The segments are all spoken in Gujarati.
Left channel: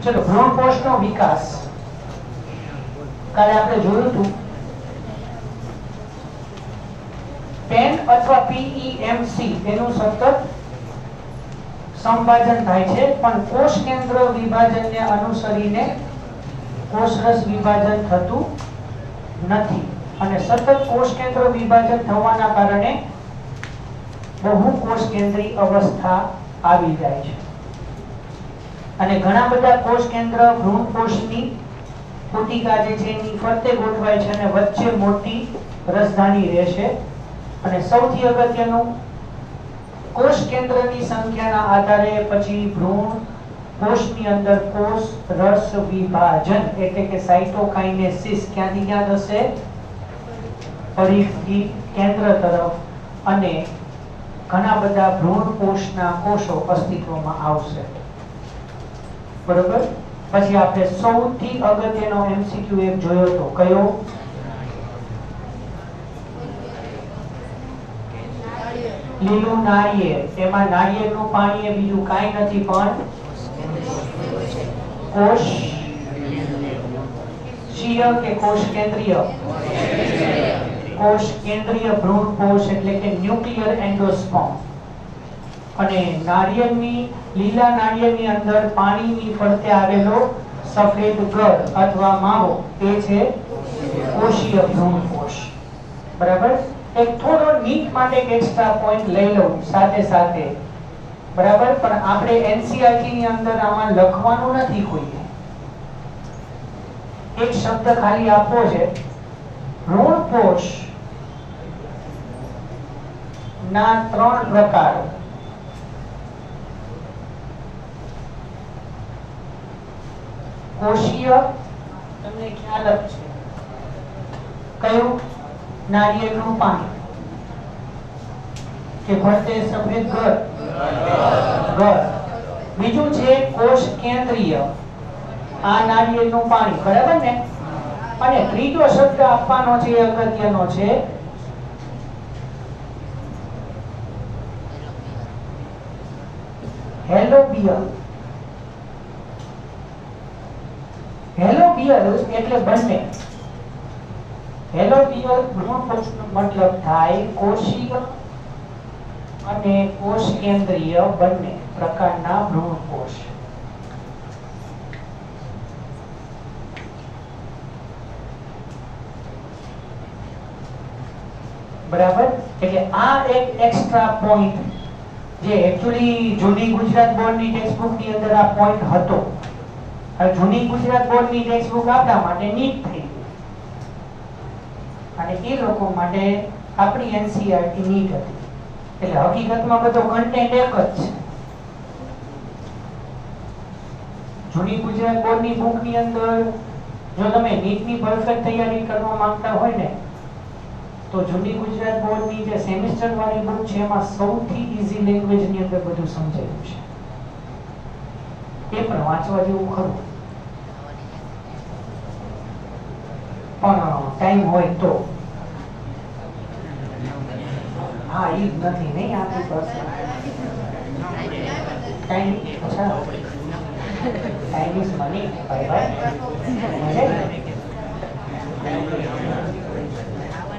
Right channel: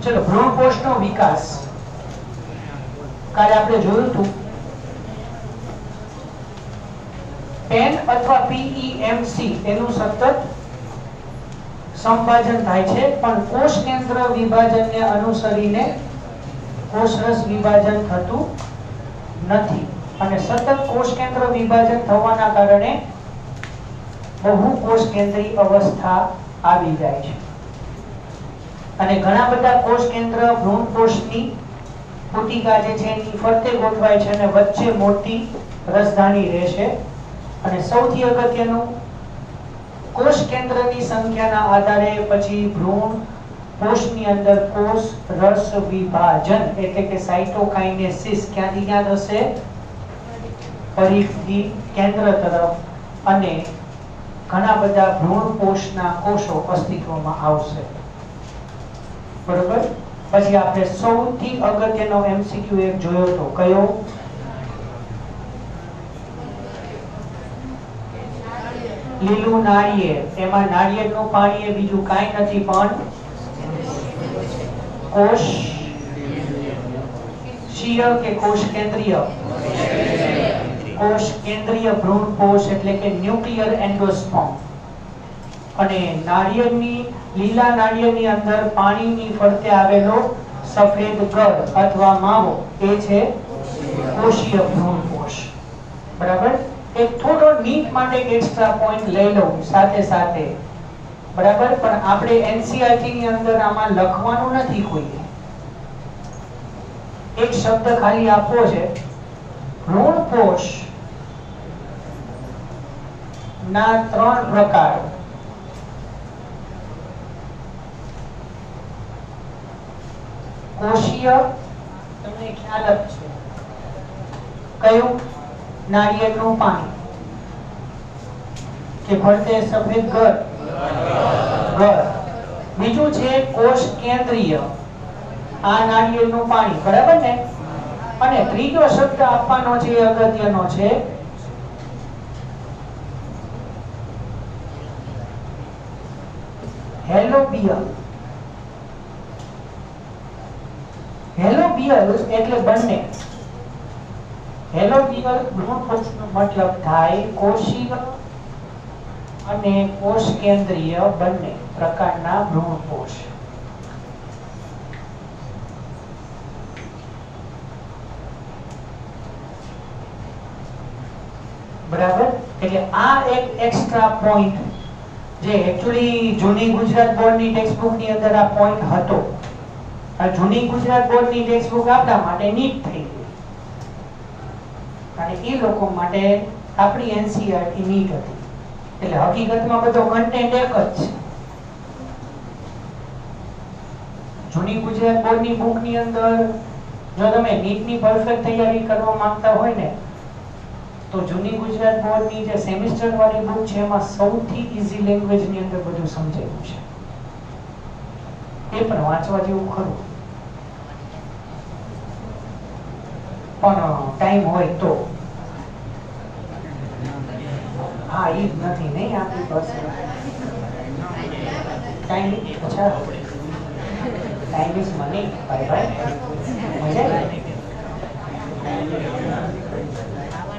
ચલો ભ્રૂણકોષનો વિકાસ કાલે આપણે જોયું હતું પેન અથવા પીઈએમસી એનું સતત સંભાજન થાય છે પણ કોષ કેન્દ્ર વિભાજનને અનુસરીને કોષરસ વિભાજન થતું નથી અને સતત કોષ કેન્દ્ર વિભાજન થવાના કારણે બહુ કોષ કેન્દ્રી અવસ્થા આવી જાય છે અને ઘણા બધા કોષ કેન્દ્ર ભ્રૂણકોષની પુટિકા જે છે એની ફરતે ગોઠવાય છે અને વચ્ચે મોટી રસધાની રહે છે અને સૌથી અગત્યનું કોષ કેન્દ્રની સંખ્યાના આધારે પછી ભ્રૂણ કોષની અંદર કોષ રસ વિભાજન એટલે કે સાઇટોકાઇનેસિસ ક્યાંથી ક્યાં થશે પરિધથી કેન્દ્ર તરફ અને ઘણા બધા ભ્રૂણ કોષના કોષો અસ્તિત્વમાં આવશે બરોબર પછી આપણે સૌથી અગત્યનો એમસીક્યુ એક જોયો તો કયો લીલું નાળિયેર એમાં નાળિયેરનું પાણી એ બીજું કાંઈ નથી પણ કોષીય કે કોષ કેન્દ્રીય ભ્રૂણ કોષ એટલે કે ન્યુક્લિયર એન્ડોસ્પર્મ અને નાળિયેરની લીલા નાળિયેરની અંદર પાણીની ફરતે આવેલો સફેદ ગર અથવા માવો એ છે કોષીય ભ્રૂણ કોષ બરાબર એક થોડો નીટ માટે એક એક્સ્ટ્રા પોઈન્ટ લઈ લઉં સાથે સાથે બરાબર પણ આપણે એનસીઈઆરટી ની અંદર આમાં લખવાનું નથી કોઈ એક શબ્દ ખાલી આપવો છે ભ્રૂણ કોષ ના 3 પ્રકાર કોષીય તમને ખ્યાલ જ છે કયું નાળિયેરનું પાણી કે ફરતે સફેદ ગર બીજું છે કોષ કેન્દ્રીય આ નાળિયેરનું પાણી બરાબર ને અને ત્રીજો શબ્દ આપવાનો છે એ અગત્યનો છે હેલોબિયલ એટલે બંને હેલોબિયલ ભ્રૂણકોષનો મતલબ થાય કોષીય અને કોષ કેન્દ્રીય બંને પ્રકારના ભ્રૂણકોષ બરાબર એટલે આ એક એક્સ્ટ્રા પોઈન્ટ જે એક્ચ્યુઅલી જૂની ગુજરાત બોર્ડની ટેક્સ્ટબુક ની અંદર આ પોઈન્ટ હતો આ જૂની ગુજરાત બોર્ડની ટેક્સ્ટબુક આપણા માટે નીટ થઈ ગઈ અને એ લોકો માટે આપણી એનસીઈઆરટી નીટ હતી એટલે હકીકતમાં બધો કન્ટેન્ટ એક જ છે જૂની ગુજરાત બોર્ડની બુકની અંદર જો તમે નીટની પરફેક્ટ તૈયારી કરવા માંગતા હોય ને તો જૂની ગુજરાત બોર્ડની જે સેમેસ્ટર વાળી બુક છે એમાં સૌથી ઈઝી લેંગ્વેજ ની અંદર બધું સમજાયું છે પેપર વાંચવા જેવું ખરું પણ ટાઈમ હોય તો હા ઈ જ નથી નહીં આપણી પાસે ટાઈમ અચ્છા ટાઈમ ઇઝ મની ભાઈ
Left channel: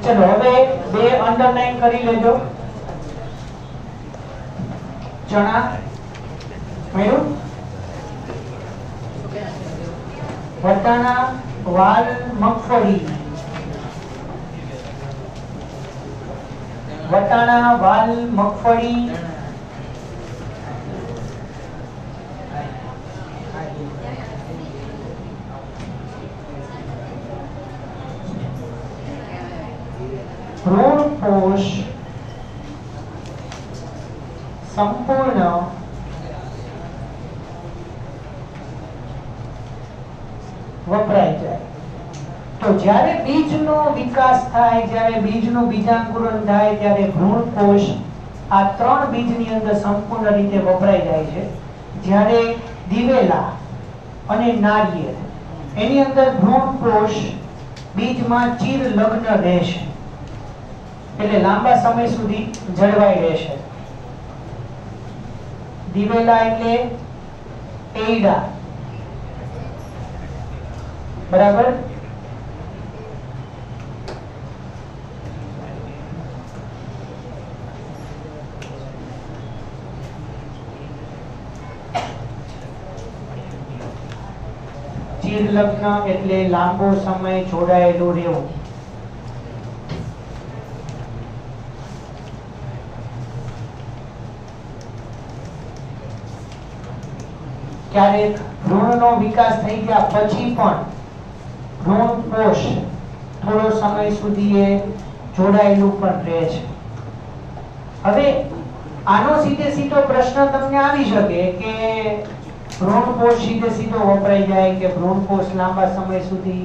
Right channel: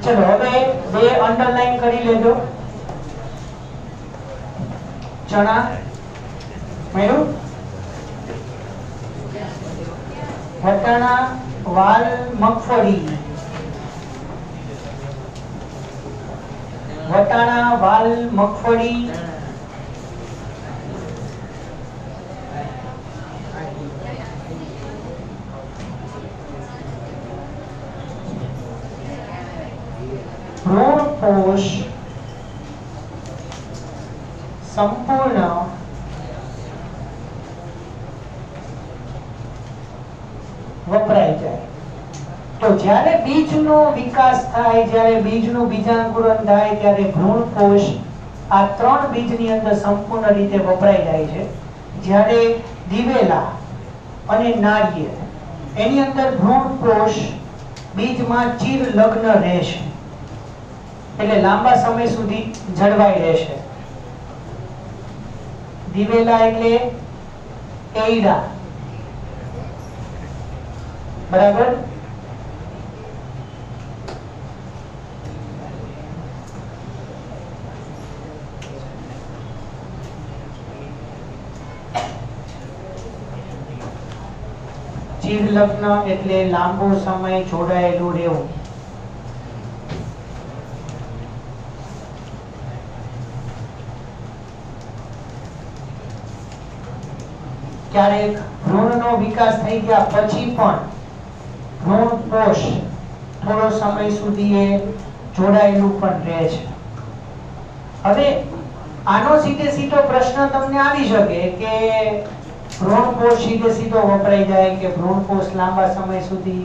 ચલો હવે બે અંડરલાઈન કરી લેજો ચણા મેરું વટાણા વાલ મગફળી વટાણા વાલ મગફળી ભ્રૂણકોષ સંપૂર્ણ વપરાય જાય તો જ્યારે બીજનો વિકાસ થાય જ્યારે બીજનું બીજાંકુરણ થાય ત્યારે ભ્રૂણકોષ આ 3 બીજની અંદર સંપૂર્ણ રીતે વપરાય જાય છે જ્યારે દિવેલા અને નાળિયેર એની અંદર ભ્રૂણકોષ બીજમાં ચિર લગ્ન રહેશે એટલે લાંબા સમય સુધી જળવાઈ રહેશે દિવેલા એટલે એઈડા બરાબર? ચિર લગ્ન એટલે લાંબો સમય જોડાયેલું રહેવું. ક્યારેક ભ્રૂણનો વિકાસ થઈ ગયા પછી પણ ભ્રૂણ કોષ થોડો સમય સુધી એ જોડાયેલું પણ રહે છે. હવે આનો સીધે સીધો પ્રશ્ન તમને આવી શકે કે ભ્રૂણ કોષ સીધે સીધો વપરાઈ જાય કે ભ્રૂણ કોષ લાંબા સમય સુધી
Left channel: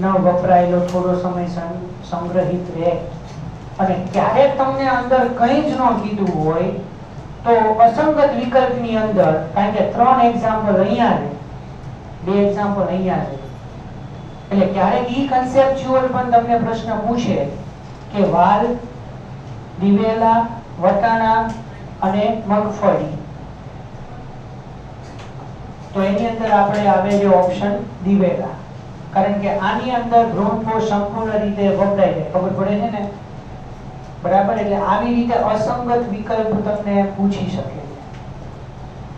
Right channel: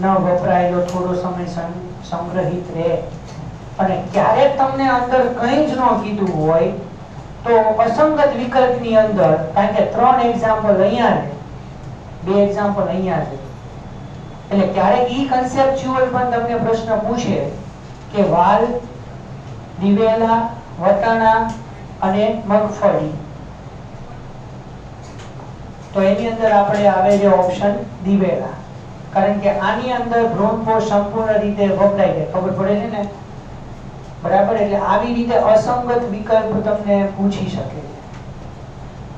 ન વપરાયેલો થોડો સમય સંગ્રહિત રહે, અને ક્યારેક તમને અંદર કંઈ જ ન કીધું હોય તો અસંગત વિકલ્પની અંદર, કારણ કે 3 એક્ઝામ્પલ અહીંયા ને 2 એક્ઝામ્પલ અહીંયા છે, એટલે ક્યારેક ઈ કન્સેપ્ચ્યુઅલ પણ તમને પ્રશ્ન પૂછે કે વાલ, દિવેલા, વટાણા અને મગફળી, તો એની અંદર આપણે આવે છે ઓપ્શન દિવેલા, કારણ કે આની અંદર ભ્રૂણ કોષ સંપૂર્ણ રીતે વપરાય છે. ખબર પડે છે ને? બરાબર? એટલે આવી રીતે અસંગત વિકલ્પ તમને પૂછી શકે છે.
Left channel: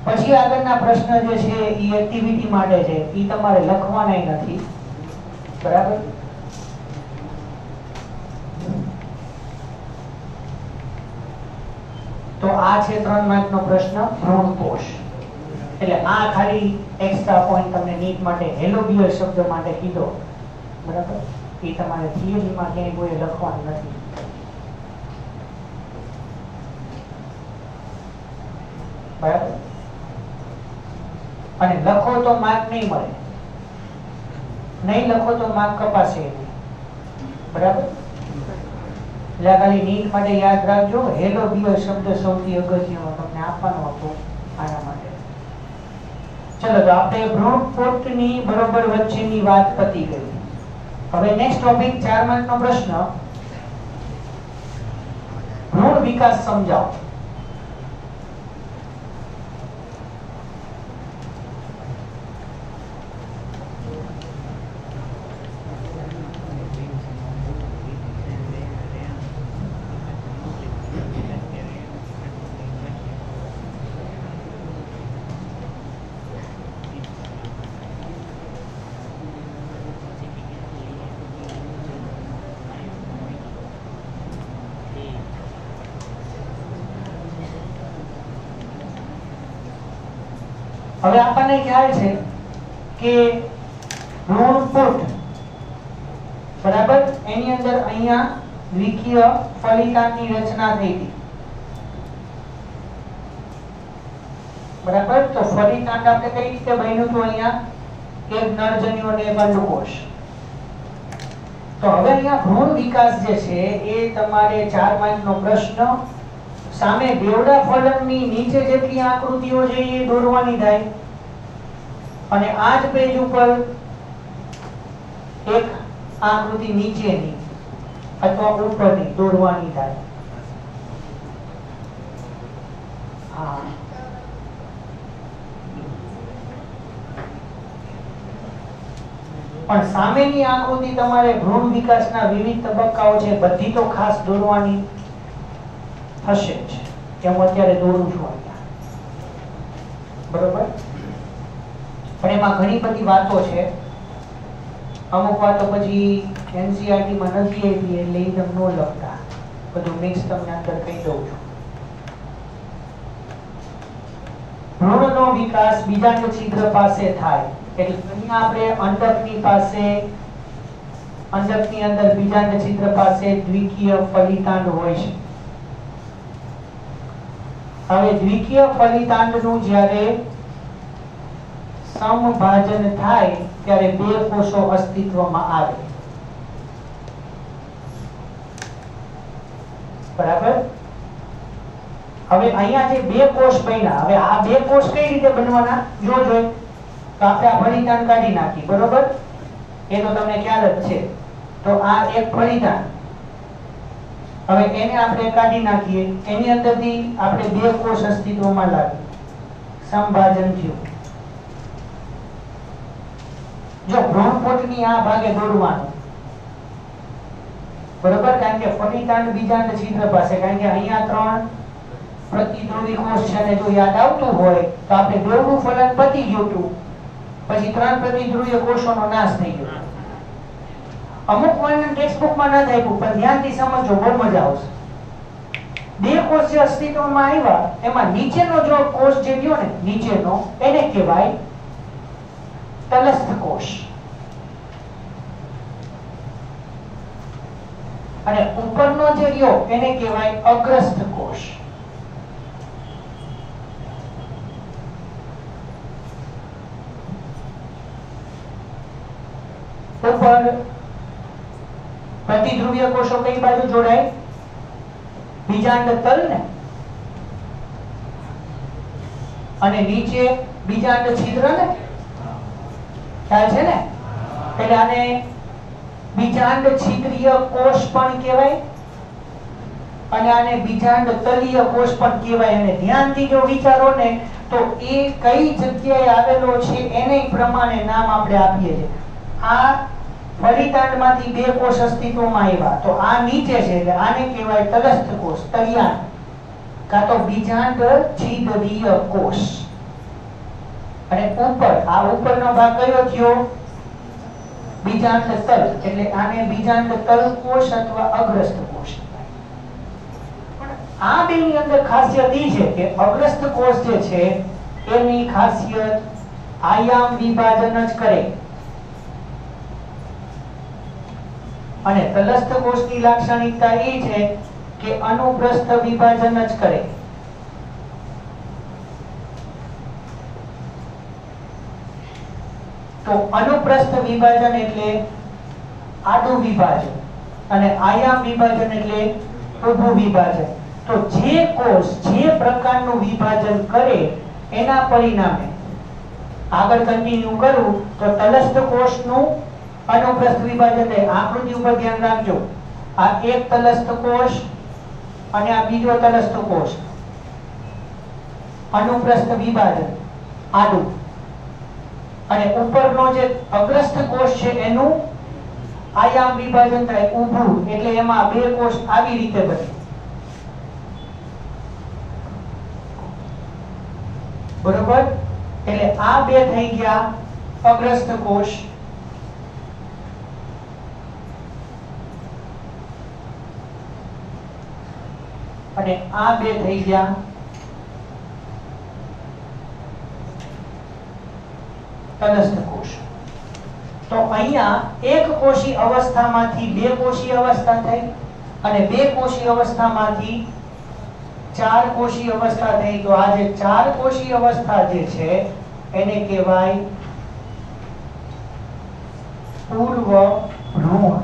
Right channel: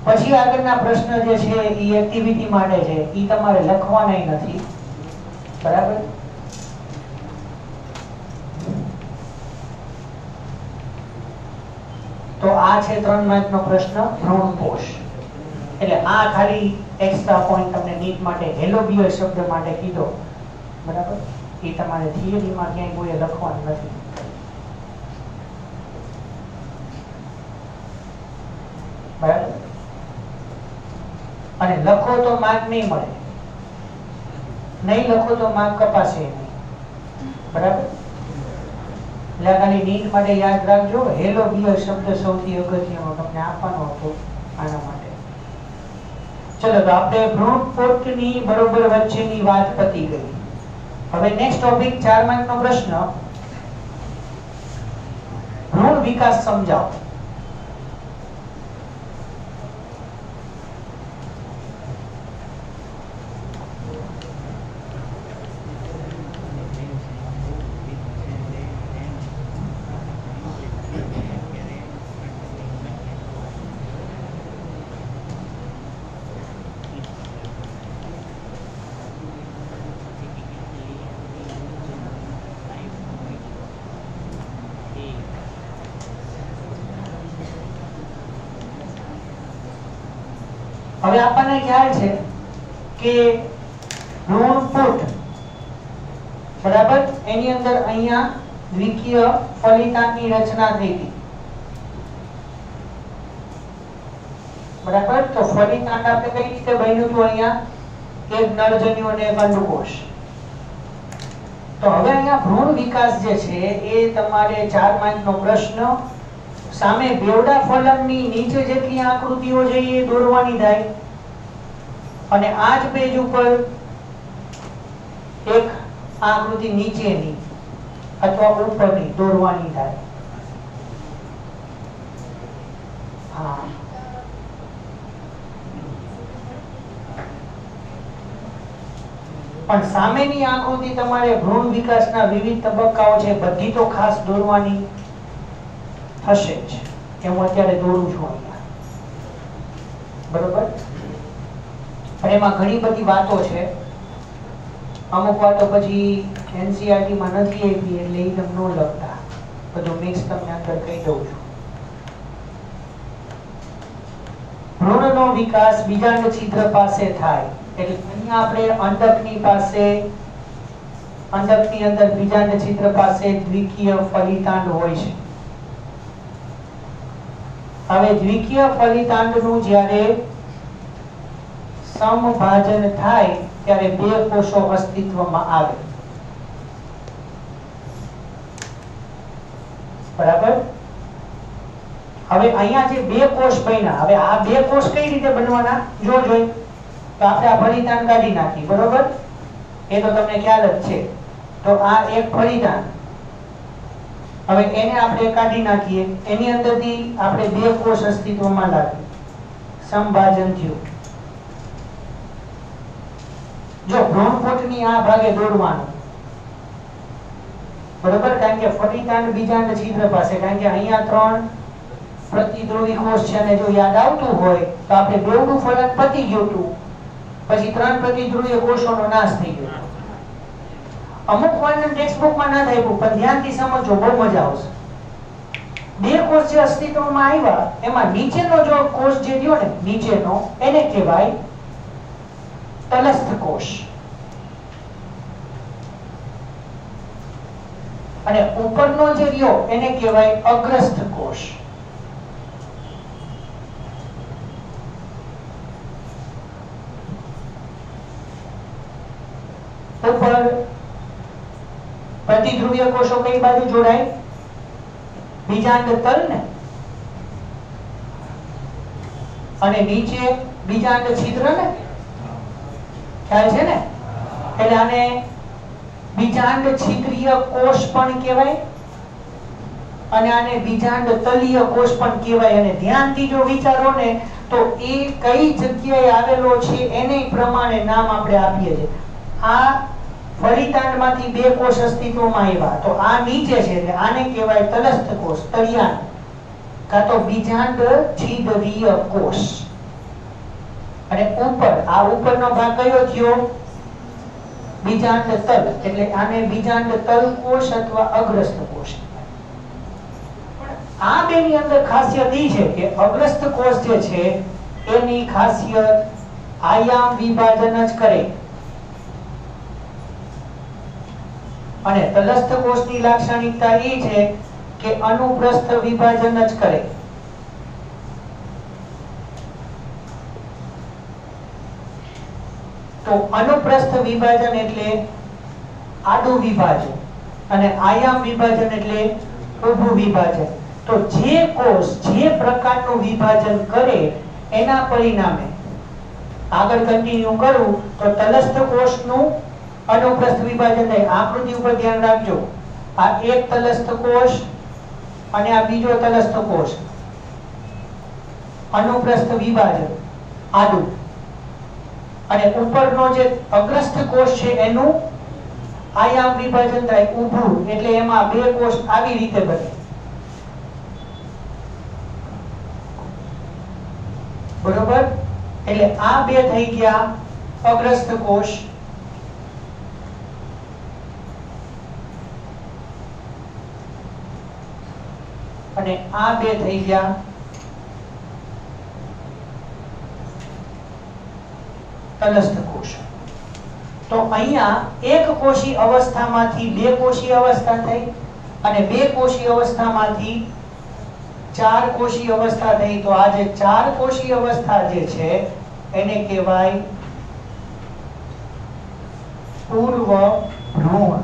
પછી આગળના પ્રશ્ન જે છે એ એક્ટિવિટી માટે છે, એ તમારે લખવાના નથી. બરાબર? તો આ છે 3 માર્કનો પ્રશ્ન, ભ્રૂણ કોષ. એટલે આ ખાલી એક્સ્ટ્રા પોઈન્ટ તમને નીટ માટે હેલોબિયર શબ્દ માટે કીધો. બરાબર? એ તમારે થિયરીમાં ક્યાંય કોઈ લખવાનું નથી. બરાબર? અને લખો તો માર્ક નહીં મળે, નહીં લખો તો માર્ક કપાશે નહીં. બરાબર? એટલે ખાલી નીટ માટે યાદ રાખજો, હેલોબિયર શબ્દ સૌથી અગત્યનો તમને આપવાનો હતો આના માટે. ચલો, તો આપણે ભ્રૂણ કોષની બરોબર વચ્ચેની વાત પતી ગઈ. હવે નેક્સ્ટ ટોપિક 4 માર્કનો પ્રશ્ન, ભ્રૂણ વિકાસ સમજાવો. હવે આપણને ખ્યાલ છે કે ભ્રૂણપુટ, બરાબર, એની અંદર અહીંયા દ્વિકીય ફલિતાંડની રચના થઈ હતી. બરાબર? તો ફલિતાંડ આપણે કઈ રીતે બન્યું હતું? અહીંયા એક નરજન્યુ અને એક અંડકોષ. તો હવે અહીંયા ભ્રૂણ વિકાસ જે છે એ તમારે 4 માર્કનો પ્રશ્ન, સામે બેવડા ફલકની નીચે જેટલી આકૃતિઓ છે એ દોરવાની થાય, અને આ જ પેજ ઉપર એક આકૃતિ નીચેની અથવા ઉપરની દોરવાની થાય. પણ સામેની આકૃતિ તમારે ભ્રૂણ વિકાસના વિવિધ તબક્કાઓ છે બધી તો ખાસ દોરવાની થશે જ, કે હું અત્યારે દોરું છું અહીંયા. બરોબર? પણ એમાં ઘણી બધી વાતો છે, અમુક વાતો પછી એનસીઈઆરટી માં નથી આપી એટલે એ તમે ન લખતા, બધું મિક્સ તમને અંદર કહી દઉં છું. ભ્રૂણનો વિકાસ બીજાંડ છિદ્ર પાસે થાય, એટલે અહીંયા આપણે અંડકની પાસે, અંડકની અંદર બીજાંડ છિદ્ર પાસે દ્વિકીય ફલિતાંડ હોય છે. હવે દ્વિકીય ફલિતાંડનું જ્યારે સમભાજન થાય ત્યારે 2 કોષો અસ્તિત્વમાં આવે. બરાબર? હવે અહીંયા જે 2 કોષ બન્યા, હવે આ 2 કોષ કઈ રીતે બનવાના જોજો. તો આપણે આ ફલિતાંડ કાઢી નાખી. બરોબર? એ તો તમને ખ્યાલ જ છે. તો આ એક ફલિતાંડ, હવે એને આપણે કાઢી નાખીએ, એની અંદરથી આપણે 2 કોષ અસ્તિત્વમાં લાવીએ, સમભાજન થયું. જો ભ્રૂણપોટની આ ભાગે દોરવાનું, બરોબર, કારણ કે ફલિતાંડ બીજાંડ છિદ્ર પાસે, કારણ કે અહીંયા 3 પ્રતિદ્રુવી કોષ છે, અને જો યાદ આવતું હોય તો આપણે બેવનું ફલન પતી ગયું હતું, પછી 3 પ્રતિદ્રુવીય કોષોનો નાશ થઈ ગયો. અમુક વર્ણન ટેક્સ્ટબુકમાં ન થાય, પણ ધ્યાનથી સમજો, બહુ મજા આવશે. 2 કોષ જે અસ્તિત્વમાં આવ્યા એમાં નીચેનો જો કોષ જે રહ્યો ને, નીચેનો, એને કહેવાય તલસ્થ કોષ, અને ઉપરનો જે રહ્યો એને કહેવાય અગ્રસ્થ કોષ. ઉપર પ્રતિધ્રુવીય કોષો કઈ બાજુ જોડાય? બીજાંડ તલ ને, અને નીચે બીજાંડ છિદ્ર ને, ખ્યાલ છે ને? એટલે આને બીજાંડ છિદ્રીય કોષ પણ કહેવાય, અને આને બીજાંડ તલીય કોષ પણ કહેવાય. અને ધ્યાનથી જો વિચારો ને તો એ કઈ જગ્યાએ આવેલો છે એને પ્રમાણે નામ આપણે આપીએ છીએ. આ ફલિતાંડમાંથી 2 કોષ અસ્તિત્વમાં આવ્યા, તો આ નીચે છે એટલે આને કહેવાય તલસ્થ કોષ, તળિયાંડ, કાં તો બીજાંડ છિદ્રીય કોષ. અને ઉપર, આ ઉપરનો ભાગ કયો થયો? બીજાંડ તલ, એટલે આને બીજાંડ તલ કોષ અથવા અગ્રસ્થ કોષ. પણ આ બેની અંદર ખાસિયત એ છે કે અગ્રસ્થ કોષ જે છે એની ખાસિયત આયામ વિભાજન જ કરે, અને તલસ્થ કોષની લાક્ષણિકતા એ છે કે અનુપ્રસ્થ વિભાજન જ કરે. તો અનુપ્રસ્થ વિભાજન એટલે આડું વિભાજન, અને આયામ વિભાજન એટલે ઊભું વિભાજન. તો જે કોષ જે પ્રકારનું વિભાજન કરે એના પરિણામે, આગળ કન્ટિન્યુ કરું તો તલસ્થ કોષનું અનુપ્રસ્થ વિભાજન થાય. આકૃતિ ઉપર ધ્યાન રાખજો, આ એક તલસ્થ કોષ અને આ બીજો તલસ્થ કોષ, અનુપ્રસ્થ વિભાજન આડું, અને ઉપરનો જે અગ્રસ્થ કોષ છે એનું આયામ વિભાજન થાય ઊભું, એટલે એમાં 2 કોષ આવી રીતે બને. બરોબર? એટલે આ 2 થઈ ગયા અગ્રસ્થ કોષ, અને આ 2 થઈ ગયા તલસ્થ કોષ. તો અહીંયા એક કોષી અવસ્થામાંથી 2 કોષી અવસ્થા થઈ, અને 2 કોષી અવસ્થામાંથી 4 કોષી અવસ્થા થઈ. તો આ જે 4 કોષી અવસ્થા જે છે એને કહેવાય પૂર્વ ભ્રૂણ.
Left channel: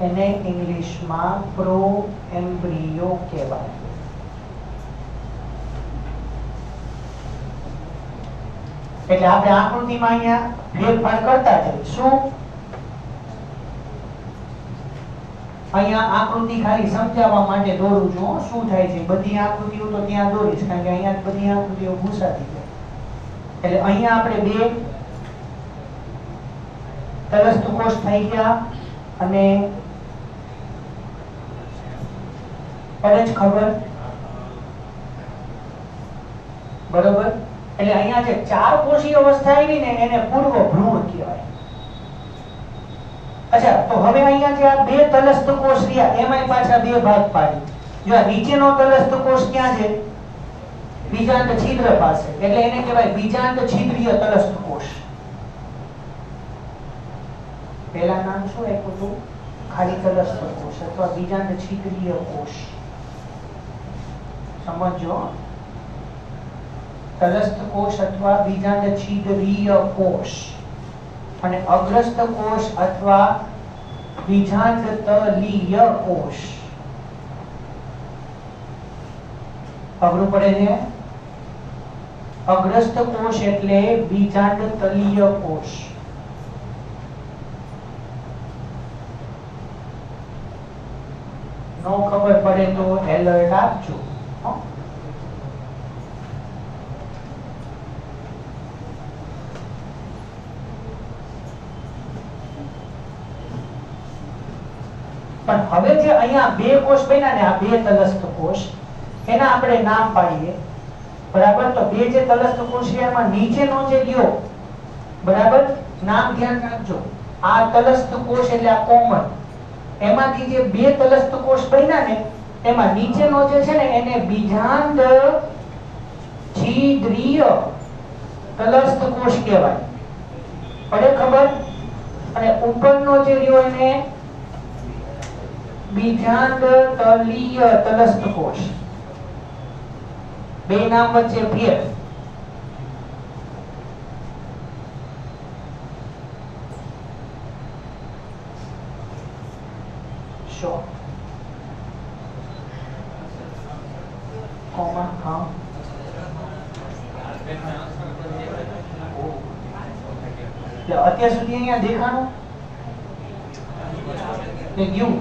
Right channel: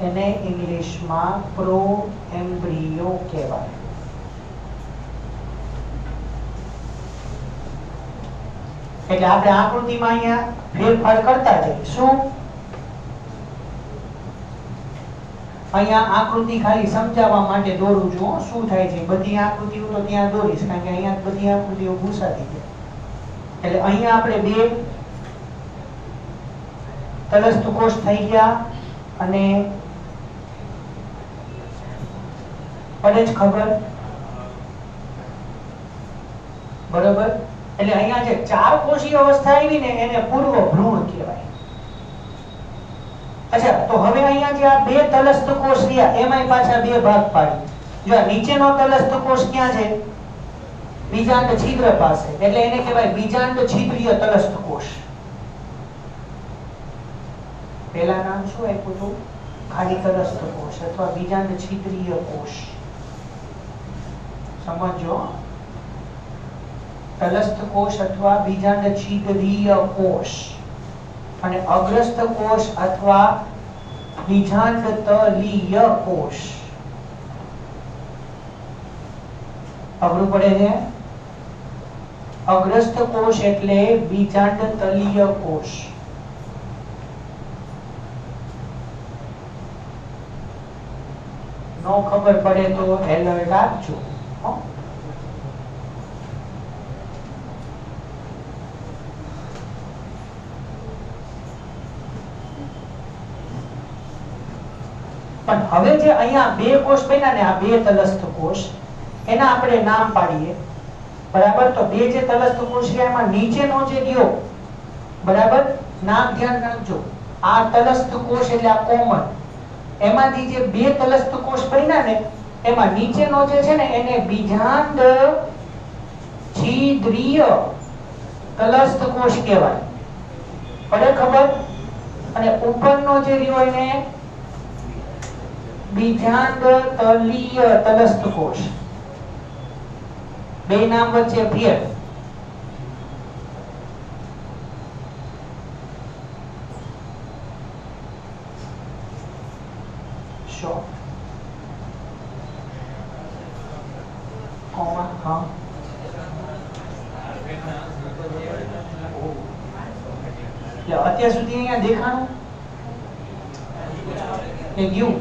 એને ઇંગ્લિશમાં પ્રો એમ્બ્રિયો કહેવાય. એટલે આપણે આકૃતિમાં અહીંયા ફેરફાર કરતા જઈએ. શું? અહીંયા આકૃતિ ખાલી સમજાવવા માટે દોરું છું. શું થાય છે, બધી આકૃતિઓ તો ત્યાં દોરીશ, કારણ કે અહીંયા બધી આકૃતિઓ ભૂસાતી છે. એટલે અહીંયા આપણે 2 તલસ્થ કોષ થઈ ગયા, અને પડે જ ખબર, બરોબર? એટલે અહીંયા જે 4 કોષીય અવસ્થા આવી ને એને પૂર્વ ભ્રૂણ કહેવાય. અચ્છા, તો હવે અહીંયા જે આ 2 તલસ્થ કોષ રહ્યા એમાંય પાછા 2 ભાગ પાડી. જો આ નીચેનો તલસ્થ કોષ ક્યાં છે? બીજાંડ છિદ્ર પાસે, એટલે એને કહેવાય બીજાંડ છિદ્રીય તલસ્થ કોષ. પહેલા નામ શું આપ્યું હતું? ખાલી તલસ્થ કોષ અથવા બીજાંડ છિદ્રીય કોષ. સમજો, તલસ્થ કોષ અથવા બીજાંડ છિદ્રીય કોષ, અને અગ્રસ્થ કોષ અથવા બીજાંડ તલીય કોષ. અઘરું પડે છે? અગ્રસ્થ કોષ એટલે બીજાંડ તલીય કોષ. નો ખબર પડે તો એલર્ટ આપજો. પણ હવે જે અહીંયા બે કોષ બન્યા ને આ બે તલસ્થ કોષ એના આપણે નામ પાડીએ બરાબર તો બે જે તલસ્થ કોષ છે એમાં નીચેનો જે ગયો બરાબર નામ ધ્યાન રાખજો આ તલસ્થ કોષ એટલે આ કોમન એમાંથી જે બે તલસ્થ કોષ બન્યા ને એમાં નીચેનો જે છે ને એને બીજાંડ છિદ્રીય તલસ્થ કોષ કહેવાય પડે ખબર અને ઉપરનો જે રહ્યો એને બીજાંડ તલીય તલસ્થ કોષ બે નામ વચ્ચે ફેર શો કોમા હા અત્યાર સુધી અહીંયા દેખાણું કે યુ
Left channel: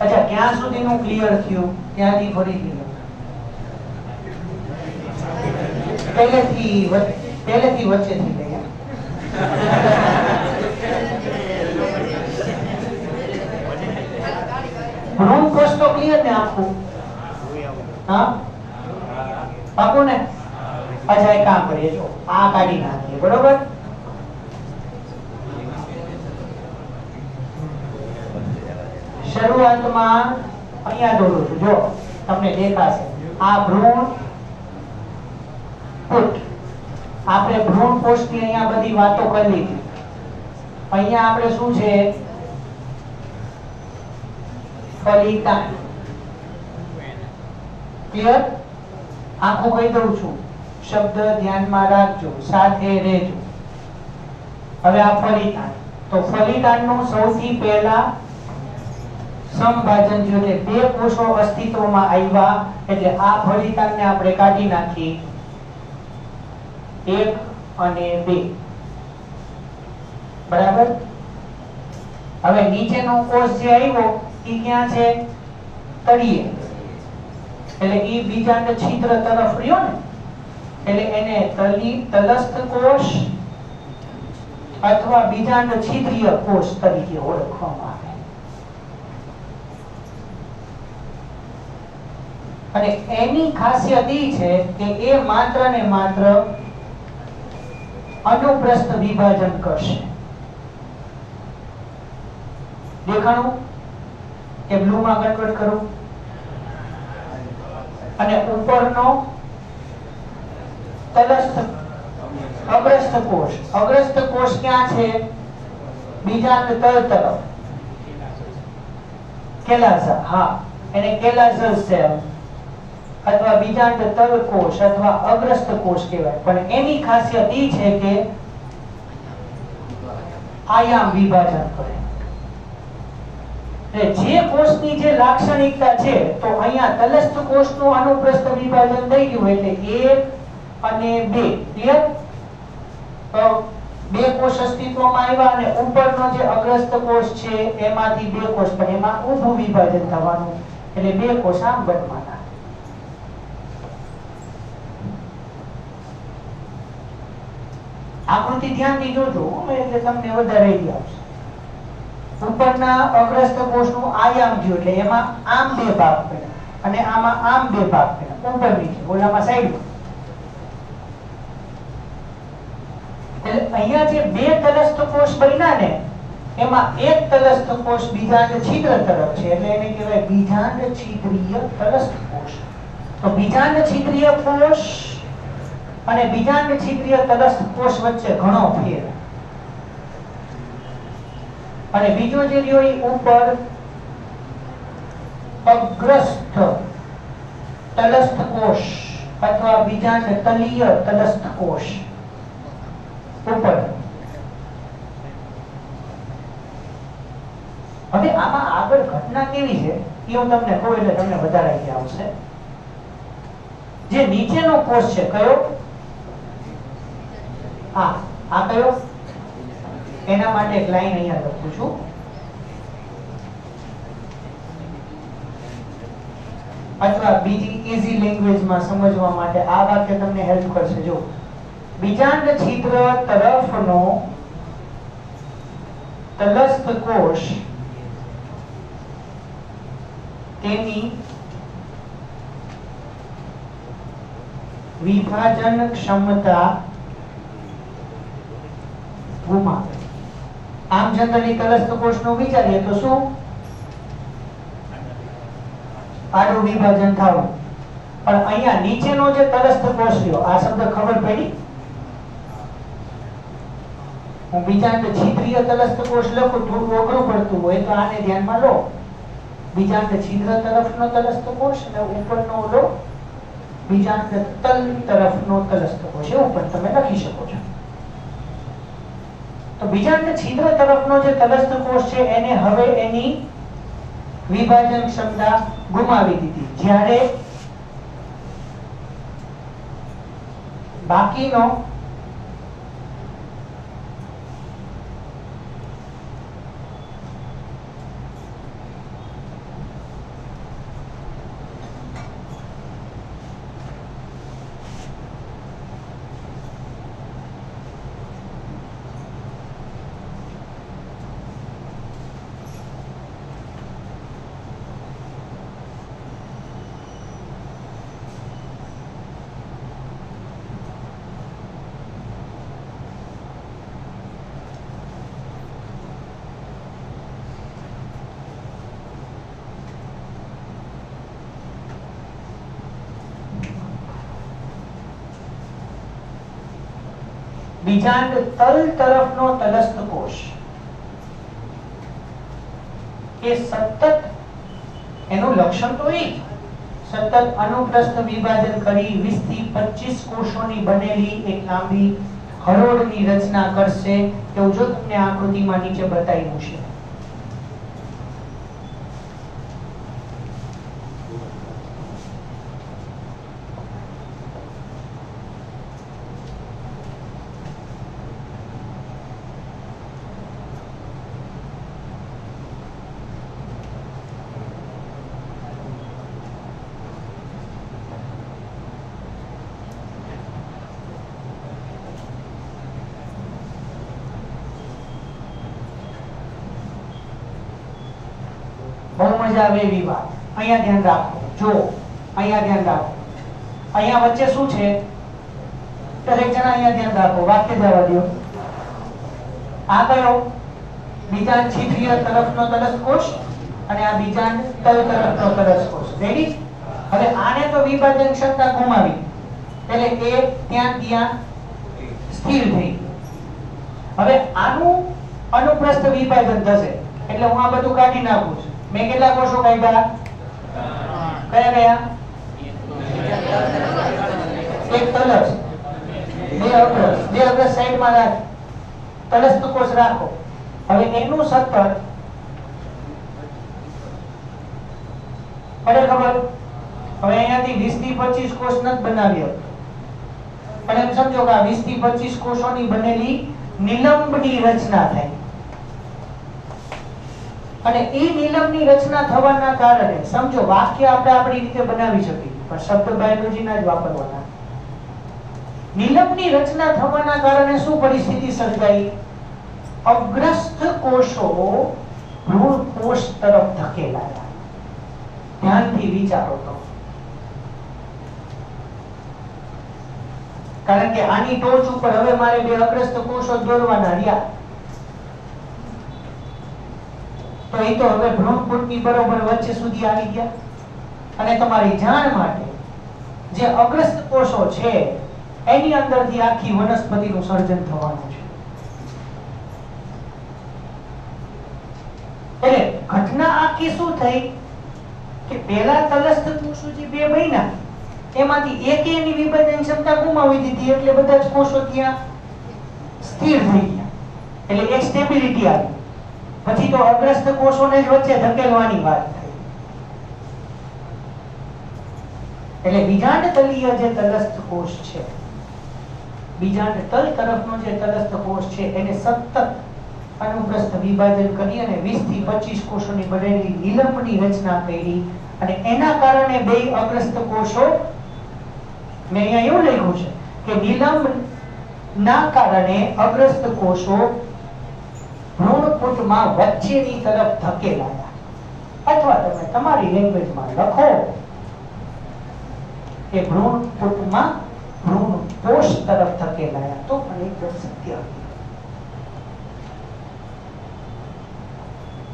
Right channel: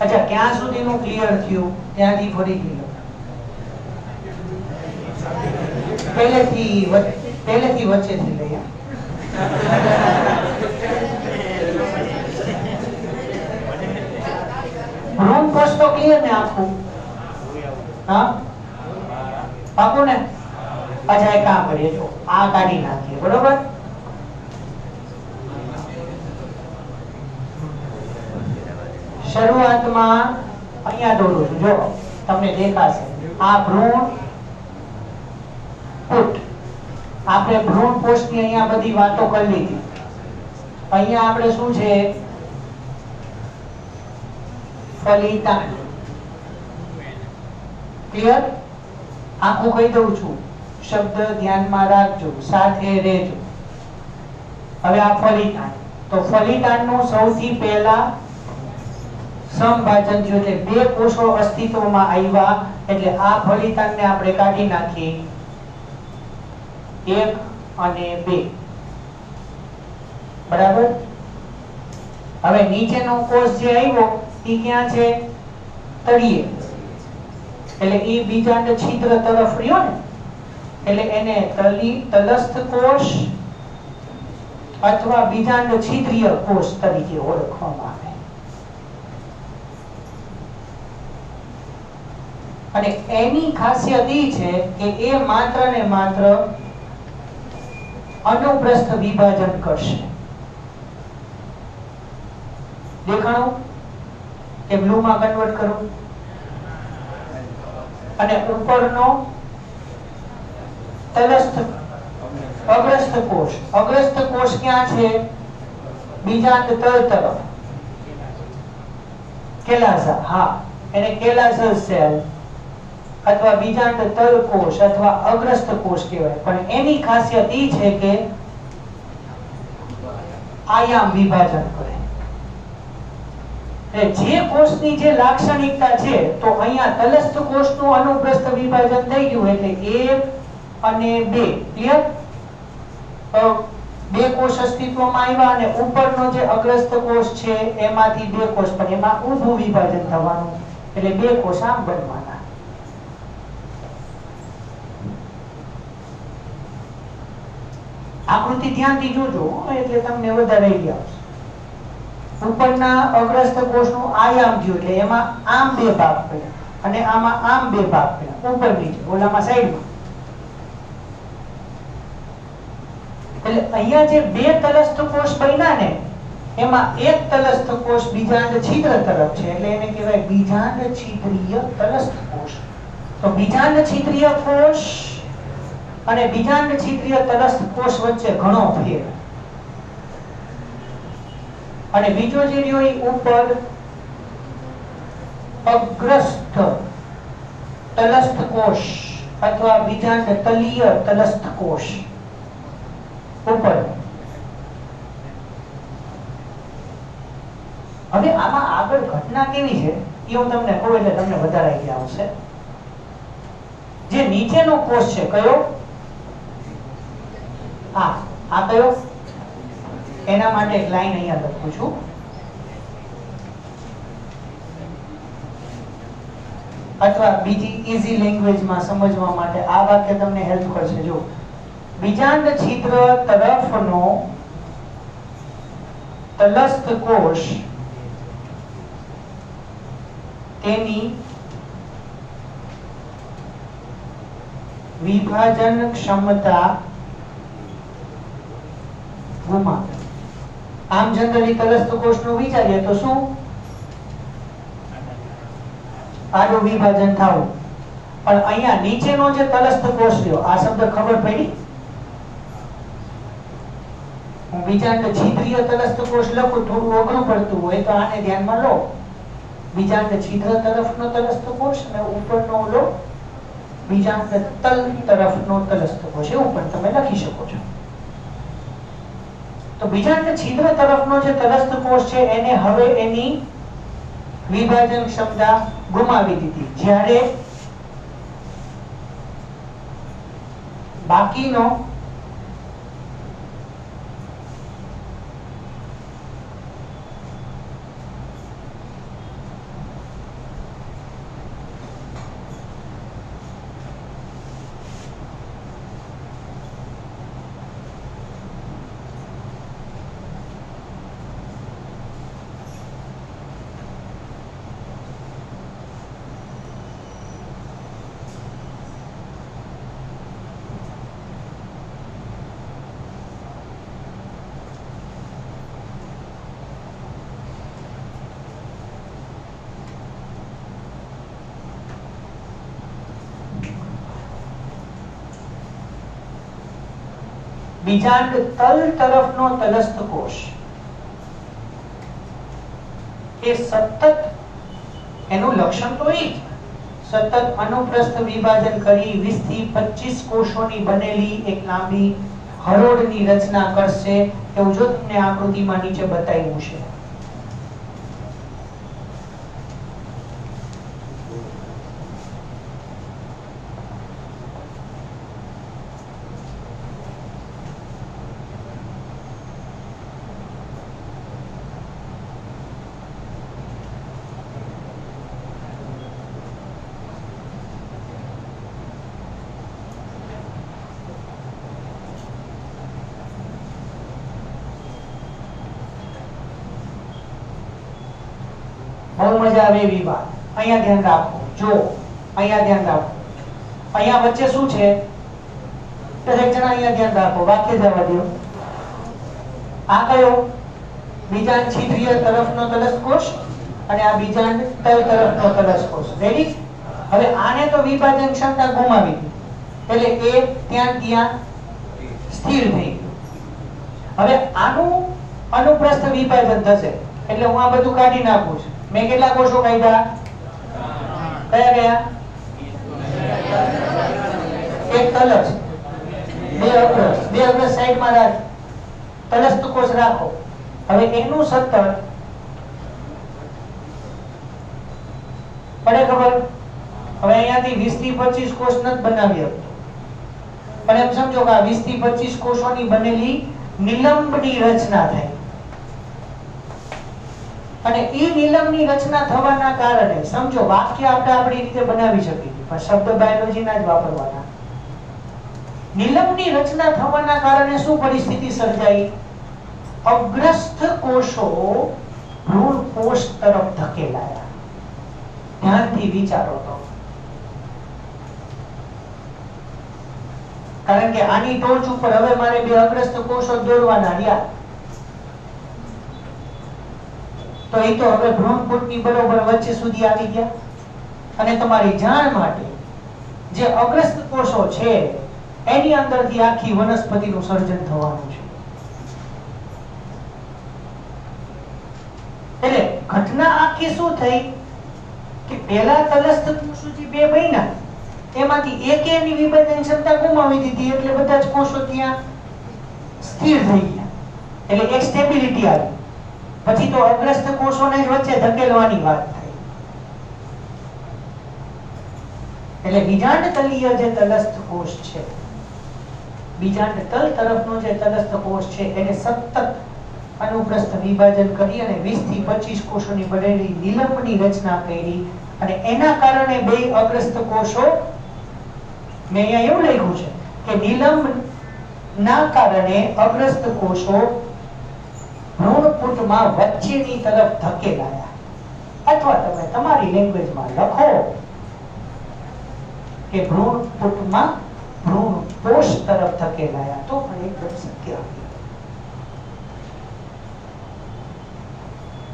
અચ્છા ક્યાં સુધીનું ક્લિયર થયું ત્યાંથી ફરી ગયું પહેલેથી વચ્ચેથી લઈ ભ્રૂણ કોષ તો ક્લિયર ને આખું હા પાકું ને અચ્છા એક કામ કરીએ જો આ કાઢી નાખીએ બરોબર શરૂઆતમાં અહીંયા દોરું છું જો તમને દેખાશે આ ભ્રૂણ પુટ આપણે ભ્રૂણ કોષની અહીંયા બધી વાતો કરી લીધી અહીંયા આપણે શું છે ફલિતાંડ ક્લિયર આખું કહી દઉં છું શબ્દ ધ્યાનમાં રાખજો સાથે રહેજો હવે આ ફલિતાંડ તો ફલિતાંડનું સૌથી પહેલા સમભાજન થયું એટલે બે કોષો અસ્તિત્વમાં આવ્યા એટલે આ ફલિતાંડને આપણે કાઢી નાખી 1 અને 2 બરાબર હવે નીચેનો કોષ જે આવ્યો ઈ ક્યાં છે તળિયે એટલે ઈ બીજાંડ છિદ્ર તરફ રહ્યો ને એટલે એને તલસ્થ કોષ અથવા બીજાંડ છિદ્રીય કોષ તરીકે ઓળખવામાં આવે અને એની ખાસિયત ઈ છે કે એ માત્ર ને માત્ર અનુપ્રસ્થ વિભાજન કરશે દેખાણું કે બ્લુ માં કન્વર્ટ કરું અને ઉપરનો તલસ્થ અગ્રસ્થ કોષ ક્યાં છે બીજાંડ તળ તરફ કેલાઝા હા એને કેલાઝલ સેલ અથવા બીજાંડ તળ કોષ અથવા અગ્રસ્થ કોષ કહેવાય પણ એની ખાસિયત ઈ છે કે આયામ વિભાજન કરે જે કોષની જે લાક્ષણિકતા છે તો અહીંયા તલસ્થ કોષનું અનુપ્રસ્થ વિભાજન થઈ ગયું એટલે 1 અને 2 ક્લિયર તો બે કોષ અસ્તિત્વમાં આવ્યા અને ઉપરનો જે અગ્રસ્થ કોષ છે એમાંથી બે કોષ પણ એમાં ઊભું વિભાજન થવાનું એટલે બે કોષ આમ બનવાના આકૃતિ ધ્યાનથી જોજો એટલે તમને વધારે આઈડિયા આવશે ઉપરના અગ્રસ્થ કોષનું આયામ થયું એટલે એમાં આમ બે ભાગ પડ્યા અને આમાં આમ બે ભાગ પડ્યા ઉપર નીચે ઓલામાં સાઈડમાં એટલે અહીંયા જે બે તલસ્થ કોષ બન્યા ને એમાં એક તલસ્થ કોષ બીજાંડ છિદ્ર તરફ છે એટલે એને કહેવાય બીજાંડ છિદ્રીય તલસ્થ કોષ તો બીજાંડ છિદ્રીય કોષ અને બીજાંડ છિદ્રીય તલસ્થ કોષ વચ્ચે ઘણો ફેર અને બીજો જે રહ્યો એ ઉપર અગ્રસ્થ તલસ્થ કોષ અથવા બીજાંડ તલીય તલસ્થ કોષ ઉપર હવે આમાં આગળ ઘટના કેવી છે એ હું તમને કહું એટલે તમને વધારે આઈડિયા આવશે જે નીચેનો કોષ છે કયો હા આ કયો એના માટે એક લાઈન અહીંયા લખું છું અથવા બીજી ઈઝી લેંગ્વેજમાં સમજવા માટે આ વાક્ય તમને હેલ્પ કરશે. જો બીજાંડ છિદ્ર તરફનો તલસ્થ કોષ તેની વિભાજન ક્ષમતા ગુમાવે. આમ જનરલી તલસ્થ કોષનું વિચારીએ તો શું? આડું વિભાજન થવું. પણ અહીંયા નીચેનો જે તલસ્થ કોષ રહ્યો, આ શબ્દ ખબર પડી? હું બીજાંડ છિદ્રીય તલસ્થ કોષ લખું, થોડું અઘરું પડતું હોય તો આને ધ્યાનમાં લો. બીજાંડ છિદ્ર તરફનો તલસ્થ કોષ અને ઉપરનો લો બીજાંડ તલ તરફનો તલસ્થ કોષ, એવું પણ તમે લખી શકો છો. તો બીજાંડ છિદ્ર તરફનો જે તલસ્થ કોષ છે એને હવે એની વિભાજન ક્ષમતા ગુમાવી દીધી. જ્યારે બાકીનો બીજાંડ તલ તરફનો તલસ્થ કોષ એ સતત, એનું લક્ષણ તો એ સતત અનુપ્રસ્થ વિભાજન કરી 20 થી 25 કોષોની બનેલી એક લાંબી હરોળની રચના કરશે, એવું જો તમને આકૃતિમાં નીચે બતાવ્યું છે. બહુ મજા આવે એવી વાત. અહીંયા ધ્યાન રાખો. જો અહીંયા ધ્યાન રાખો. અહીંયા વચ્ચે શું છે? દરેક જણા અહીંયા ધ્યાન રાખો. વાક્ય જવા દો. આ કયો? બીજાંડ છિદ્રીય તરફનો તલસ્થ કોષ અને આ બીજાંડ તલ તરફનો તલસ્થ કોષ. રેડી? હવે આને તો વિભાજન ક્ષમતા ગુમાવી એટલે એ ત્યાં સ્થિર થઈ. હવે આનું અનુપ્રસ્થ વિભાજન થશે એટલે હું આ બધું કાઢી નાખું છું. મેં કેટલા કોષો કાઢ્યા? કયા કયા? એક તલસ્થ, બે અગ્રસ સાઈડમાં રાખ. તલસ્થ કોષ રાખો. હવે એનું સતત પડે ખબર? હવે અહીંયાથી 20 થી 25 કોષ નથી બનાવ્યો, પણ એમ સમજો કે આ 20 થી 25 કોષોની બનેલી નિલંબની રચના થાય. અને એ નિલંબની રચના થવાના કારણે સમજો વાક્ય આપણે આપણી રીતે બનાવી શકીએ, પણ શબ્દ બાયોલોજીના જ વાપરવાના. નિલંબની રચના થવાના કારણે શું પરિસ્થિતિ સર્જાઈ? અગ્રસ્થ કોષો ભ્રૂણ કોષ તરફ ધકેલાયા. ધ્યાનથી વિચારો તો. કારણ કે આની ટોચ ઉપર હવે મારે બે અગ્રસ્થ કોષો દોરવાના રહ્યા, તો એ તો હવે ભ્રૂણપૂટની બરોબર વચ્ચે સુધી આવી ગયા. અને તમારી જાણ માટે જે અગ્રસ્થ કોષો છે એની અંદરથી આખી વનસ્પતિનું સર્જન થવાનું છે. એટલે ઘટના આખી શું થઈ કે પહેલા તલસ્થ કોષો જે બે બન્યા એમાંથી એકે એની વિભાજન ક્ષમતા ગુમાવી દીધી, એટલે બધા જ કોષો ત્યાં સ્થિર થઈ ગયા. એટલે એક સ્ટેબિલિટી આવી. પછી તો અગ્રસ્થ કોષોને જ વચ્ચે ધકેલવાની વાત થઈ. એટલે બીજાંડ તલીય જે તલસ્થ કોષ છે, બીજાંડ તલ તરફનો જે તલસ્થ કોષ છે એને સતત અનુપ્રસ્થ વિભાજન કરી અને 20 થી 25 કોષોની બનેલી નિલંબની રચના કરી અને એના કારણે બે અગ્રસ્ત કોષો, મેં અહીંયા એવું લખ્યું છે કે નિલંબ ના કારણે અગ્રસ્ત કોષો ભ્રૂણપુટમાં વચ્ચેની તરફ ધકેલાયા, અથવા તમે તમારી લેંગ્વેજમાં લખો કે ભ્રૂણપુટમાં ભ્રૂણકોષ તરફ ધકેલાયા, તો પણ એકદમ સત્ય.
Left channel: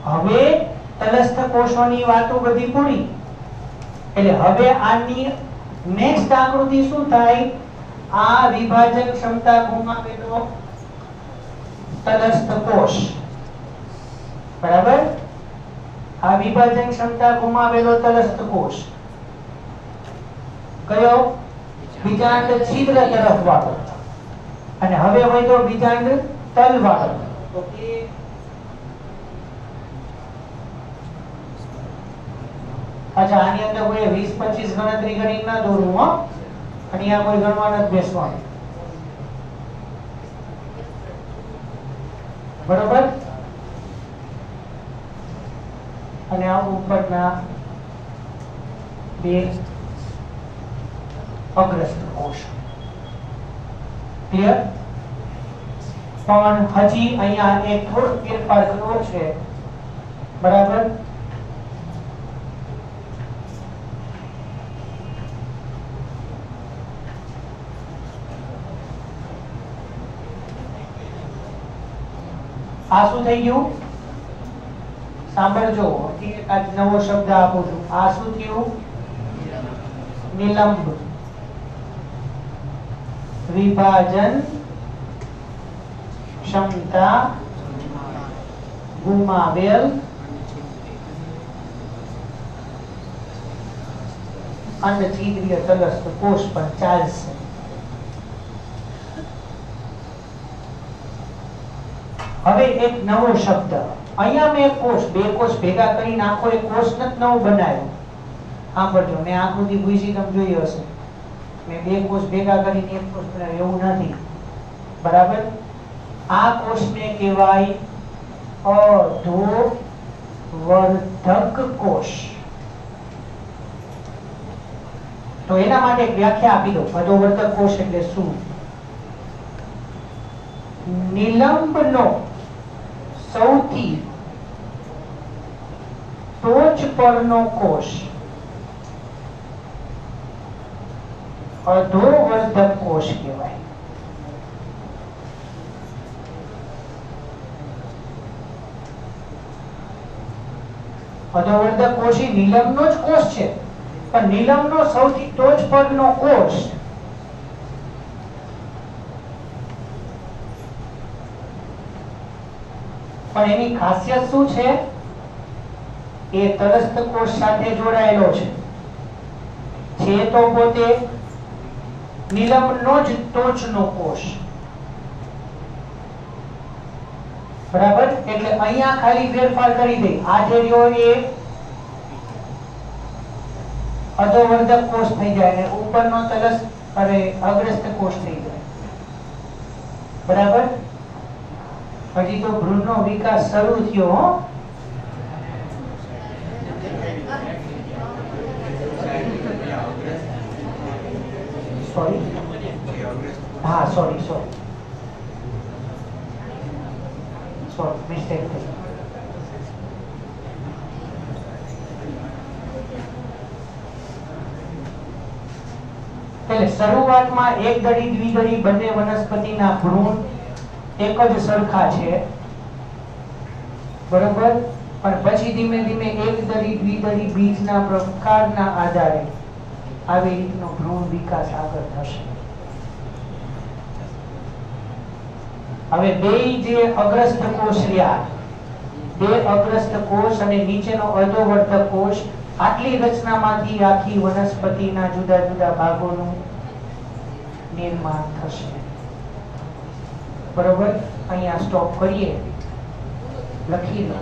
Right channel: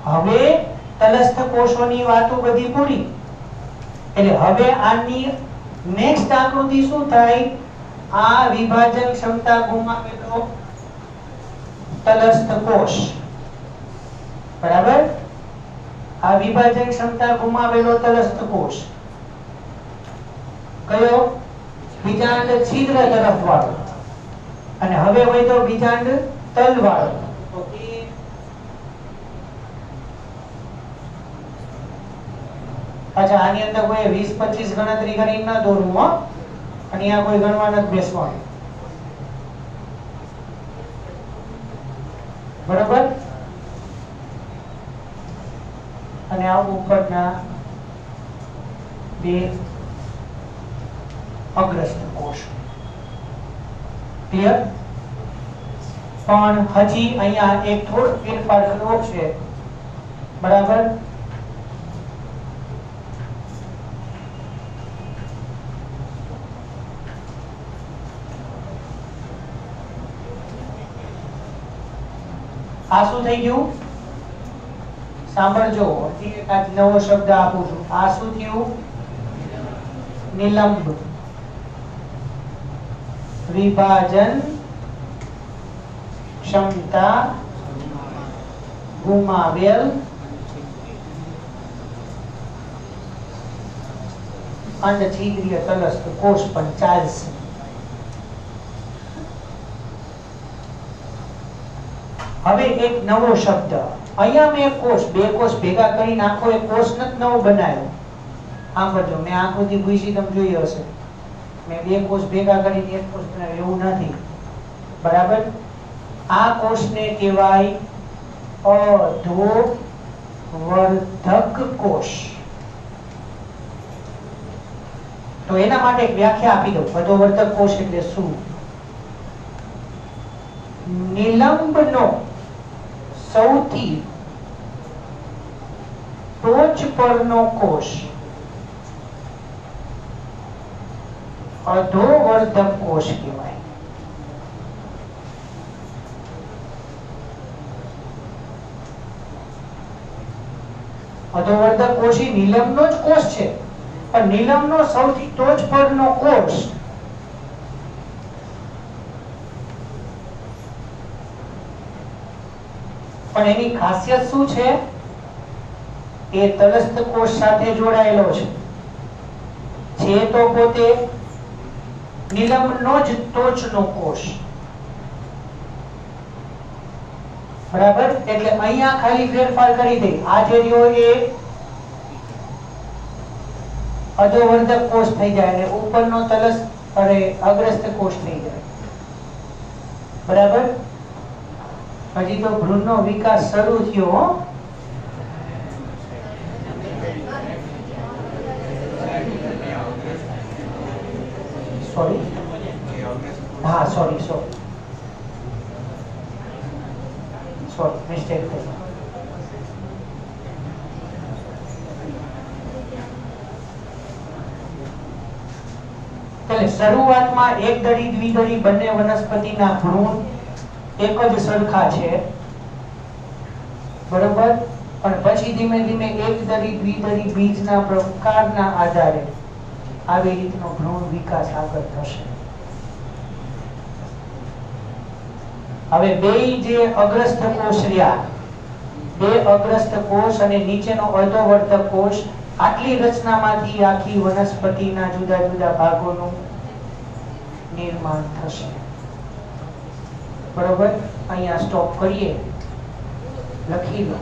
હવે તલસ્થ કોષોની વાતો બધી પૂરી. એટલે હવે આની નેક્સ્ટ આકૃતિ શું થાય? આ વિભાજન ક્ષમતા ગુમાવેલો તલસ્થ કોષ, બરાબર? આ વિભાજન ક્ષમતા ગુમાવેલો તલસ્થ કોષ કયો? બીજાંડ છિદ્ર તરફ વાળો. અને હવે હોય તો બીજાંડ તલ વાળો. તો અચ્છા, આની અંદર કોઈ 20-25 ગણતરી કરીને ના દોરું હો. અહીંયા કોઈ ગણવા નથી બેસવાનું, બરાબર? અને આ ઉપરના બે અગ્રસ્ત કોષ. ક્લિયર? પણ હજી અહીંયા એક થોડો ફેરફાર કરવો છે, બરાબર? આ શું થઈ ગયું? સાંભળજો, એક આ નવો શબ્દ આપું છું. આ શું થયું? નિલંબ વિભાજન ક્ષમતા ગુમાવેલ અંડછિદ્રીય તલસ્થ કોષ પણ ચાલશે. હવે એક નવો શબ્દ અહીંયા મેં કોષ, બે કોષ ભેગા કરીને આખો એક કોષ નથી નવો બનાવ્યો. આમ કરજો, મેં આકૃતિ પૂછી તમે જોઈ હશે. મેં બે કોષ ભેગા કરીને એક કોષ બનાવ્યો એવું નથી, બરાબર? આ કોષને કહેવાય અધોવર્ધક કોષ. તો એના માટે એક વ્યાખ્યા આપી દઉં. અધોવર્ધક કોષ એટલે શું? નિલંબનો સૌથી ટોચ પરનો કોષ અધોવર્ધક કોષ કહેવાય. અધોવર્ધક કોષ એ નિલંબનો જ કોષ છે, પણ નિલંબનો સૌથી ટોચ પરનો કોષ પણ એની ખાસિયત શું છે? એ તલસ્થ કોષ સાથે જોડાયેલો છે. છે તો પોતે નિલંબનો જ ટોચનો કોષ, બરાબર? એટલે અહીંયા ખાલી ફેરફાર કરી દે. આ જે રહ્યો એ અધોવર્ધક કોષ થઈ જાય અને ઉપરનો તલસ્થ અગ્રસ્ત કોષ થઈ જાય, બરાબર? હજી તો ભ્રૂણનો વિકાસ શરૂ થયો. સોરી, હા સોરી મિસ્ટેક થઈ. એટલે શરૂઆતમાં એક દળી દ્વિદળી બંને વનસ્પતિના ભ્રૂણ એક જ સરખા છે, બરોબર? પણ પછી ધીમે ધીમે એક દળી દ્વિદળી બીજના પ્રકારના આધારે આવી રીતનો ભ્રૂણ વિકાસ આગળ થશે. હવે બે જે અગ્રસ્ત કોષ રહ્યા, બે અગ્રસ્ત કોષ અને નીચેનો અધોવર્ધક કોષ, આટલી રચનામાંથી આખી વનસ્પતિના જુદા જુદા ભાગોનું નિર્માણ થશે, બરોબર? અહીંયા સ્ટોપ કરીએ, લખી લો.